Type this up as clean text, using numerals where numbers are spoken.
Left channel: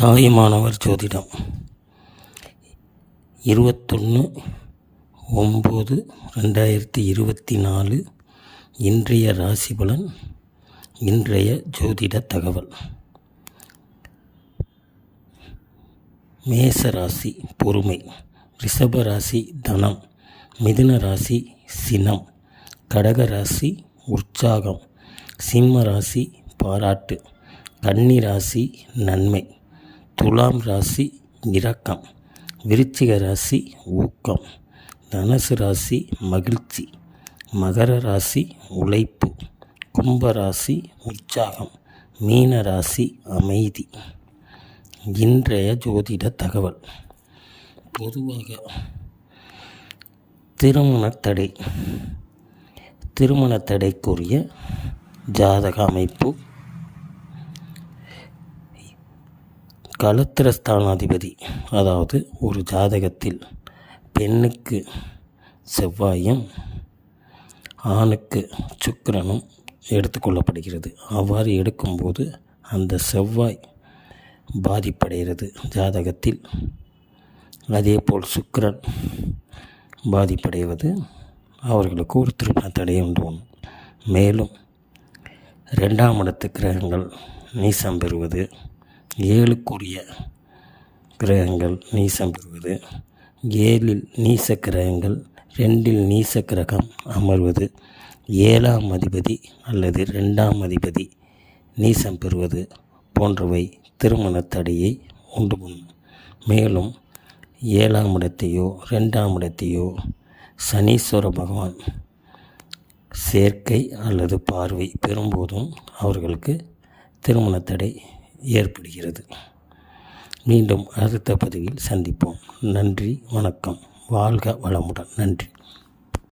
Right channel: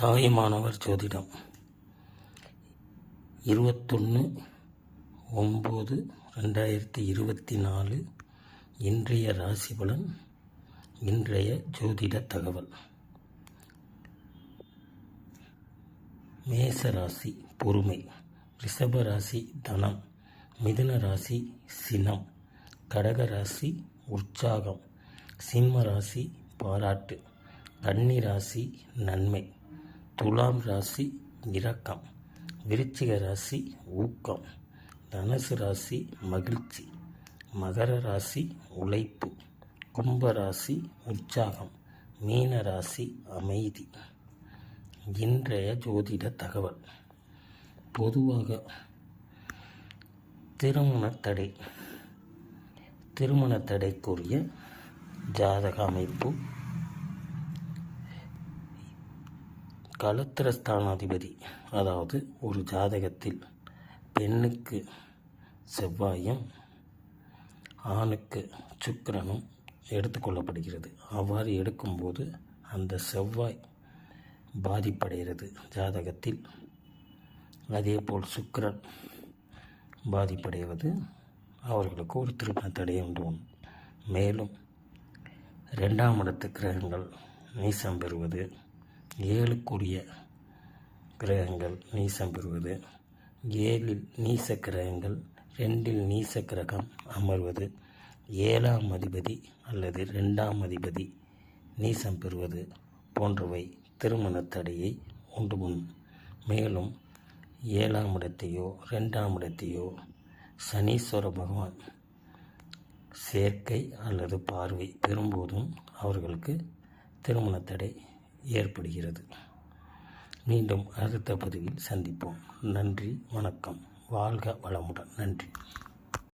தாயுமானவர் ஜோதிடம் 21/9/2024 இன்றைய ராசி பலன். இன்றைய ஜோதிட தகவல். மேச ராசி பொறுமை, ரிஷப ராசி தனம், மிதுன ராசி சினம், கடக ராசி உற்சாகம், சிம்ம ராசி பாராட்டு, கன்னி ராசி நன்மை, துலாம் ராசி இரக்கம், விருச்சிக ராசி ஊக்கம், தனுசு ராசி மகிழ்ச்சி, மகர ராசி உழைப்பு, கும்ப ராசி உற்சாகம், மீன ராசி அமைதி. இன்றைய ஜோதிட தகவல். பொதுவாக திருமண தடைக்குரிய ஜாதக அமைப்பு. களத்திரஸ்தானாதிபதி, அதாவது ஒரு ஜாதகத்தில் பெண்ணுக்கு செவ்வாயும் ஆணுக்கு சுக்கிரனும் எடுத்துக்கொள்ளப்படுகிறது. அவ்வாறு எடுக்கும்போது அந்த செவ்வாய் பாதிப்படைகிறது ஜாதகத்தில். அதேபோல் சுக்கிரன் பாதிப்படைவது அவர்களுக்கு ஒரு திருமண தடையை உண்டு. மேலும் 2ஆம் இடத்து கிரகங்கள் நீசம் பெறுவது, 7க்குரிய கிரகங்கள் நீசம் பெறுவது, 7இல் நீச கிரகங்கள் 2இல் நீச கிரகம் அமர்வது, 7ஆம் அதிபதி அல்லது 2ஆம் அதிபதி நீசம் பெறுவது போன்றவை திருமண தடையை உண்டு பண்ணும். மேலும் 7ஆம் இடத்தையோ 2ஆம் இடத்தையோ சனீஸ்வர பகவான் சேர்க்கை அல்லது பார்வை பெறும்போதும் அவர்களுக்கு திருமண தடை ஏற்படுகிறது. மீண்டும் அடுத்த பதிவில் சந்திப்போம். நன்றி, வணக்கம். வாழ்க வளமுடன். நன்றி.